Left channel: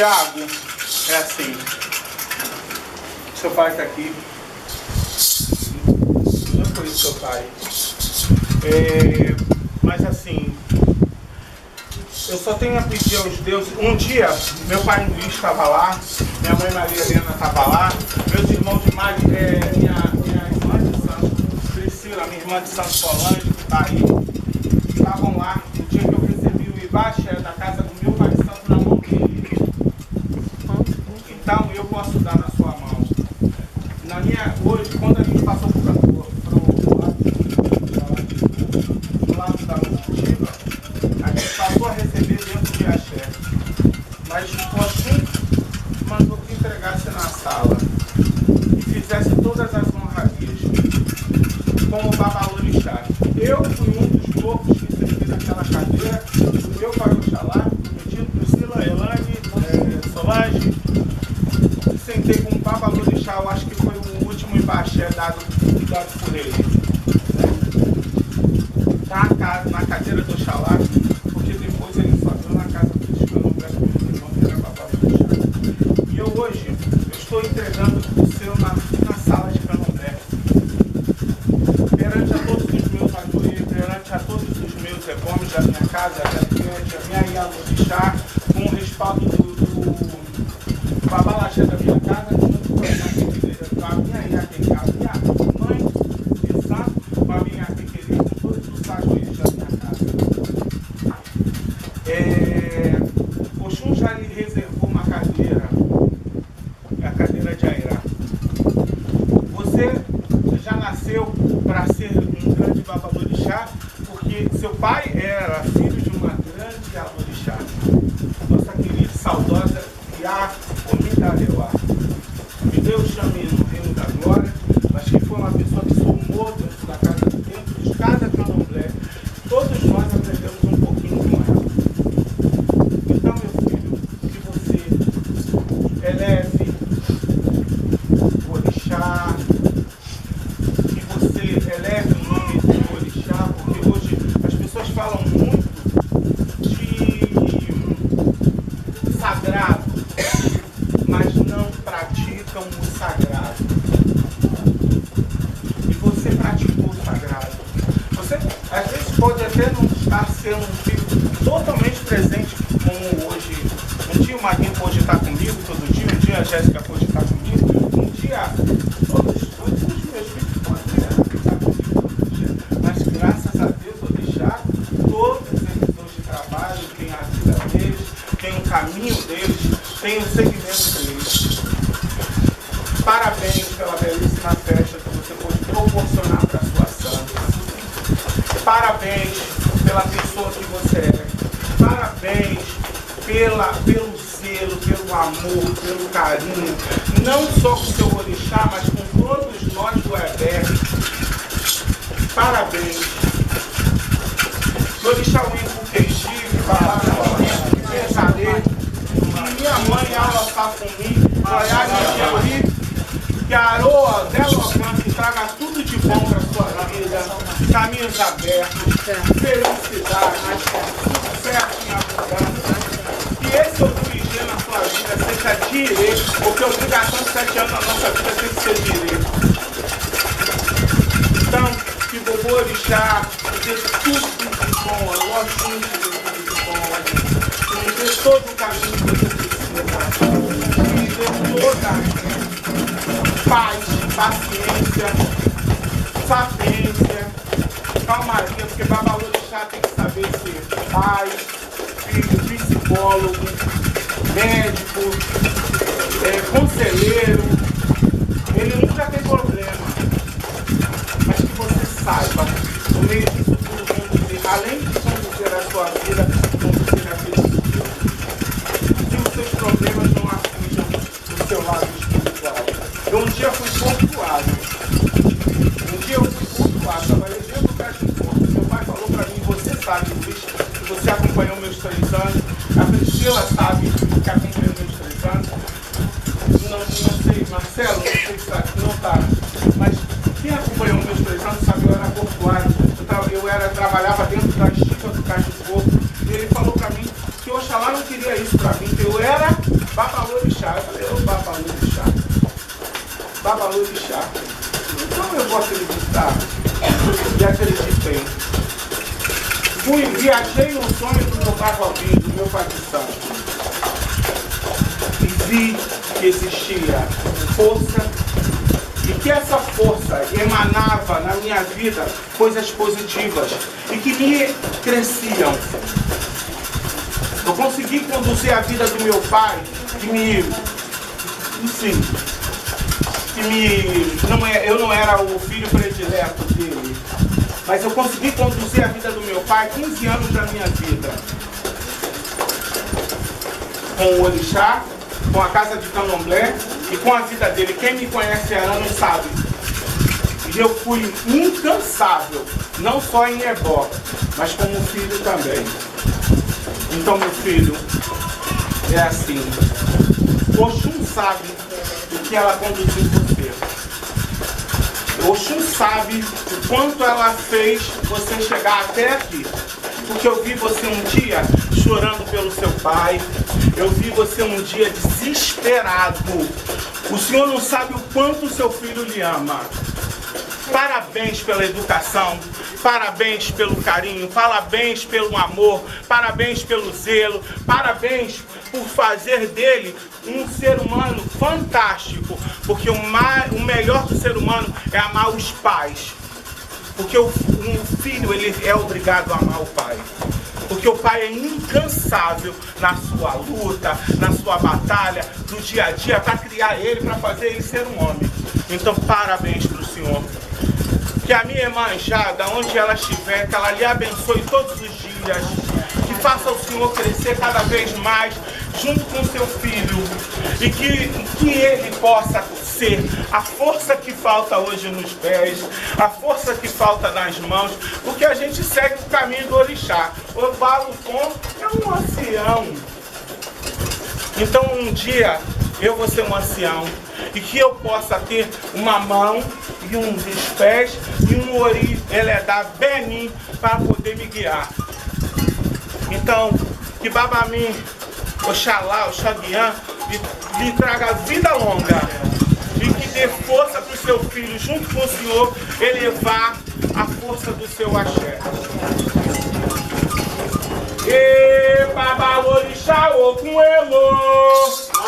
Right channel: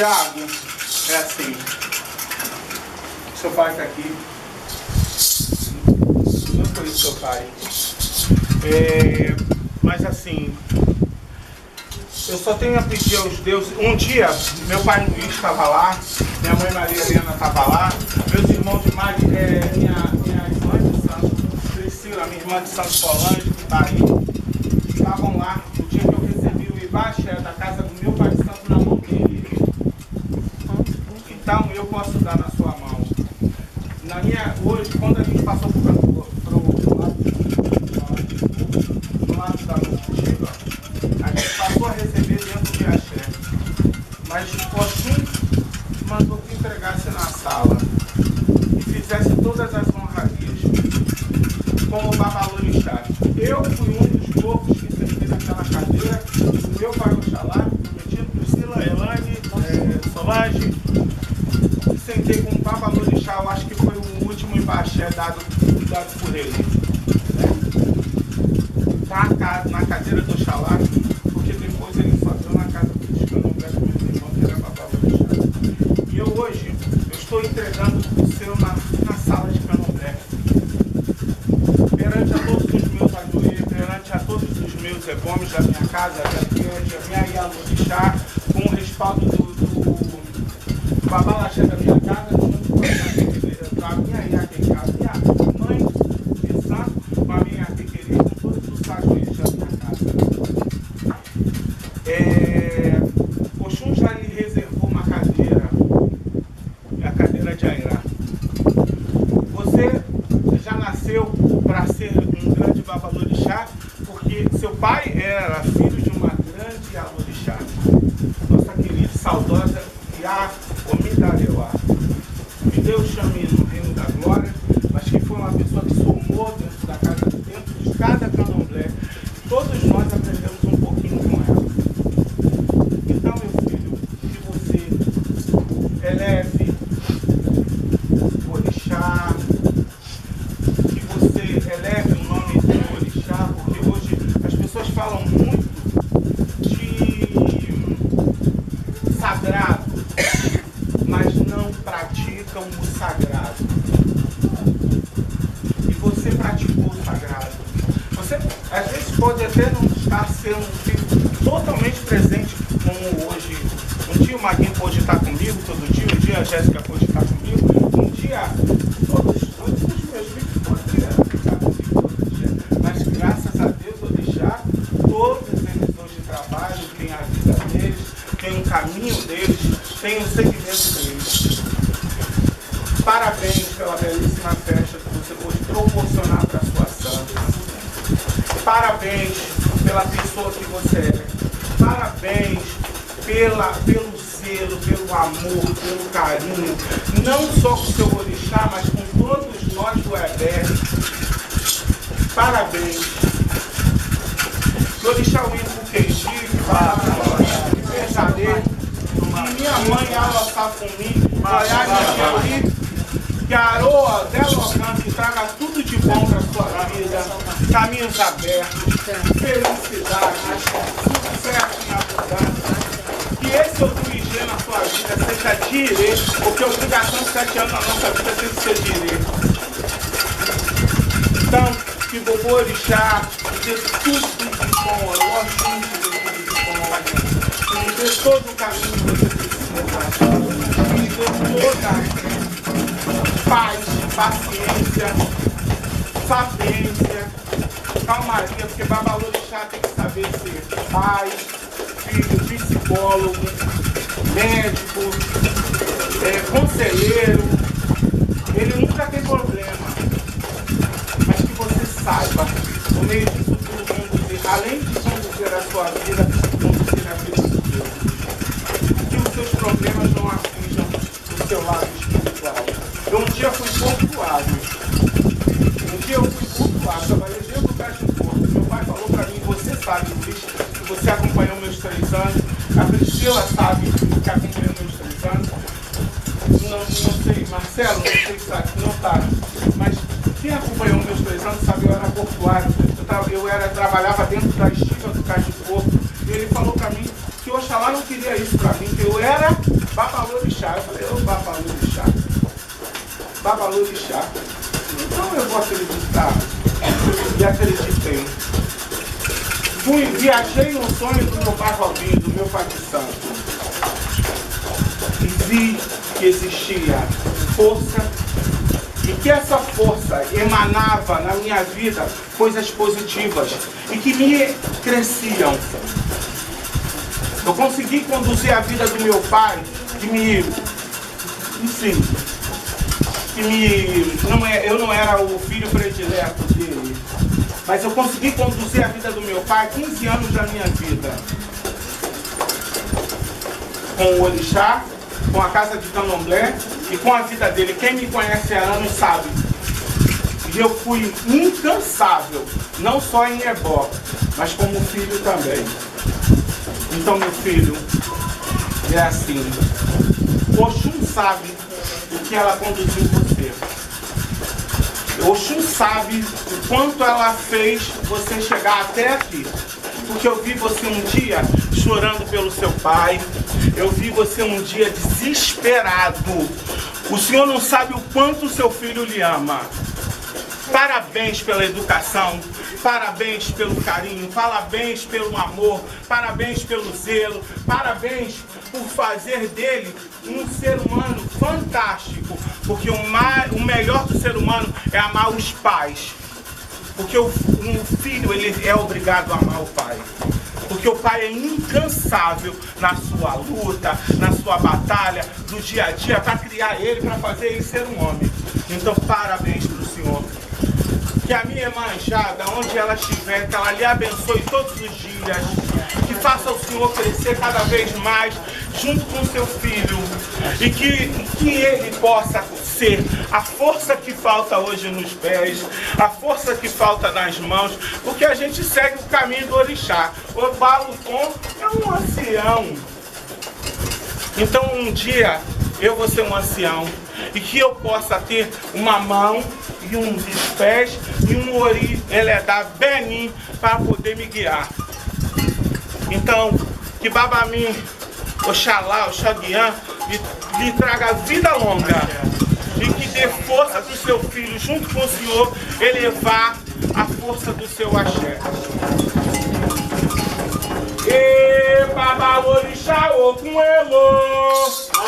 Tiago, é assim, seu pai está aqui, não conheço seu pai, mas assim, eu só tenho a pedir aos deuses. Um dia, meu pai Luiz estava lá, minha mãe Maria Helena estava lá, meus irmãos de Mari, minha irmã de Santo, Priscila, minha irmã de Santo Solange, que está aí, estavam lá no dia que eu recebi o Ibaxé da casa do meu pai de Santo na mão dele. Então eu posso dar na sua mão. Hoje, quando a gente passou para o lado da Motiva, a gente passou a receber dentro de axé. Mas Oxum mandou que entregasse na sala e fizesse todas as honrarias, como o Babalorixá. Eu fui um dos poucos que sentei naquela cadeira do meu pai Oxalá, prometido Priscila, Elane, Solange. Sentei com o Babalorixá, eu acho que foi o último Ibaxé dado por ele. Né? Na cadeira do Oxalá, porque depois ele só deu na casa dos candomblés do meu irmão, que era Babalorixá. E eu hoje, eu estou entregando o seu na sala de candomblé. Perante a todos os meus ajoelhos, perante a todos os meus egomes da minha casa, da minha Ialorixá, com o respaldo do Babalaxé da minha casa, junto com a minha Iaquequerê, a minha mãe de santo, com a minha Iaquequerê, com todos os ajoelhos da minha casa. Oxum já lhe reservou uma cadeira, a cadeira de Airá. Você já nasceu para ser um grande Babalorixá, porque seu pai era filho de uma grande Alorixá, nossa querida e saudosa Iá Omindareuá. Me Deus chame no reino da glória, mas que foi uma pessoa que somou dentro da casa, dentro de cada candomblé. Todos nós aprendemos um pouquinho com ela. Então, meu filho, que você eleve o orixá, que você eleve o nome do orixá, porque hoje as pessoas falam muito de sagrado, mas não praticam o sagrado. E você praticou o sagrado. Você, às vezes, pode até não estar sendo um filho totalmente presente como hoje. Um dia o Maguinho pode estar comigo todo dia, um dia a Jéssica pode estar comigo, um dia todos os meus filhos poderiam estar comigo todo dia. Mas graças a Deus, Orixá, todos eles hoje trabalham, têm a vida deles, têm o caminho deles, têm o segmento deles. Parabéns pela belíssima festa que você pôde proporcionar para a sua santa. Parabéns pela pessoa que você é. Parabéns pelo zelo, pelo amor, pelo carinho. Não só com o seu orixá, mas com todos nós do Ebé. Parabéns. Orixá Wimpo Kenji, que pesadelo. E minha mãe, Aula Safumi, Goiás, Jeuri, que a aroa dela alcance e traga tudo de bom para a sua vida, caminhos abertos, felicidade, sucesso em abundância. Que esse orixá dia na sua vida seja direito, porque a obrigação de 7 anos na nossa vida tem que ser direito. Então, que Bobô Orixá me dê tudo de bom, eu gosto muito de tudo de bom, que me dê todo o caminho que você precisa, que me dê toda paz, paciência, sapiência, calmaria, porque Babalorixá tem que saber ser pai, filho, psicólogo, médico, conselheiro. Ele nunca tem problema, mas que você saiba, no meio disso tudo, conduzir, além de conduzir a sua vida, conduzir a vida dos outros. Que os seus problemas não atinjam o seu lado espiritual. Eu um dia fui portuário. Trabalhei dentro do caixa de porto. Meu pai falou para mim, você sabe, Luiz, que você acompanhou meus 3 anos. A Priscila sabe que acompanhou meus 3 anos. Não sei, Marcelo, não sei se sabe, não sabe. Mas quem acompanhou meus 3 anos sabe, eu era portuário. Eu trabalhava dentro da estiva do caixa de porto. E ele falou para mim que Oxalá não queria isso para mim, que eu era Babalorixá. Eu falei, ô Babalorixá. Babalorixá. Então eu vou acreditar e acreditei. Viajei no sonho do meu pai Robinho, do meu pai de santo. E vi que existia força e que essa força emanava na minha vida coisas positivas e que me cresciam. Eu consegui conduzir a vida do meu pai, eu não era o filho predileto dele, mas eu consegui conduzir a vida do meu pai 15 anos da minha vida. Com o Orixá, com a casa de Candomblé e com a vida dele. Quem me conhece há anos sabe. E eu fui incansável, não só em Ebó, mas como filho também. Então, meu filho, é assim. Oxum sabe o que ela conduziu você. Oxum sabe o quanto ela fez você chegar até aqui. Porque eu vi você um dia chorando pelo seu pai. Eu vi você um dia desesperado. O senhor não sabe o quanto o seu filho lhe ama. Parabéns pela educação, parabéns pelo carinho, parabéns pelo amor, parabéns pelo zelo, parabéns por fazer dele um ser humano fantástico, porque o melhor do ser humano é amar os pais, porque um filho ele é obrigado a amar o pai. Porque o pai é incansável na sua luta, na sua batalha, do dia a dia, para criar ele, para fazer ele ser um homem. Então, parabéns para o senhor. Que a minha Iemanjá, onde ela estiver, que ela lhe abençoe todos os dias. Que faça o senhor crescer cada vez mais, junto com seu filho. E que ele possa ser a força que falta hoje nos pés, a força que falta nas mãos, porque a gente segue o caminho do Orixá. O Balucon é um ancião. Então um dia eu vou ser um ancião e que eu possa ter uma mão e um dos pés e um ori, ele é da Benin, para poder me guiar. Então, que Babamim, Oxalá, Oxaguian, lhe traga vida longa e que dê força para o seu filho, junto com o senhor, elevar a força do seu axé. E Babalorixá, o com elo.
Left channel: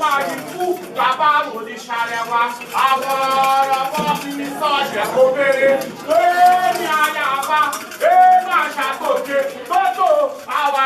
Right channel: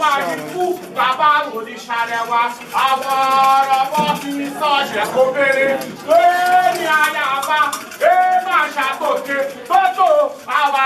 wà níkú, bàbá òrìṣàlẹ̀ wa, àwọn ọ̀rọ̀ bọ́ fi sọ̀jẹ̀ kó bèrè. Lórí àyàbá, máa ṣàtòkè tó tó àwa.